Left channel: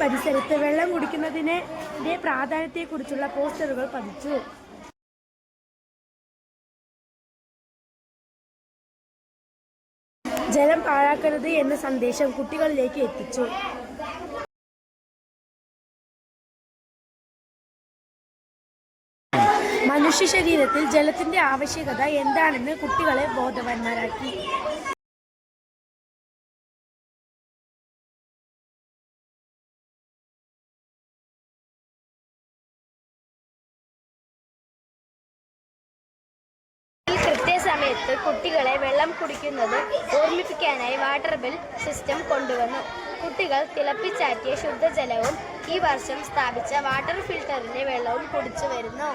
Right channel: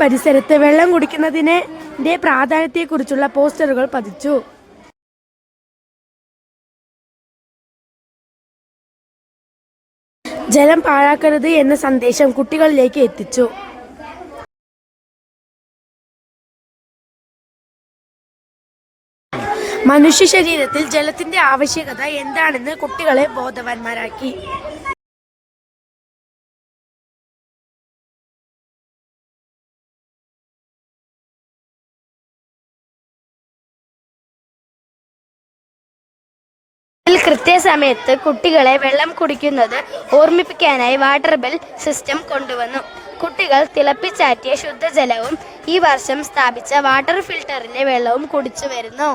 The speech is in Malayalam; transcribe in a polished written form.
പരിസരത്ത് വെള്ളം കുടിക്കുന്നതിന്റെ പ്രാധാന്യത്തെക്കുറിച്ചുള്ള പോസ്റ്ററുകൾ പതിച്ചു. ജലം പാഴാക്കരുത് എന്ന സന്ദേശം കുട്ടികളിലേക്ക് എത്തിച്ചു. മനുഷ്യ ശരീരത്തിൽ ജലത്തിന്റെ ആവശ്യകത എന്താണെന്ന് കുട്ടികളെ ബോധവാന്മാരാക്കി. കൃത്യസമയത്ത് കുട്ടികളെ വെള്ളം കുടിക്കുന്നത് ഓർമ്മിപ്പിക്കാനായി വാട്ടർ ബെൽ സിസ്റ്റം കൊണ്ടുവന്നു. കുട്ടികൾ തിളപ്പിച്ചാറ്റിയ ശുദ്ധജലവും ഈ വർഷം സ്ഥാപിച്ച വാട്ടർ ഫിൽട്ടറിലെ വെള്ളവും കുടിച്ചു വരുന്നു.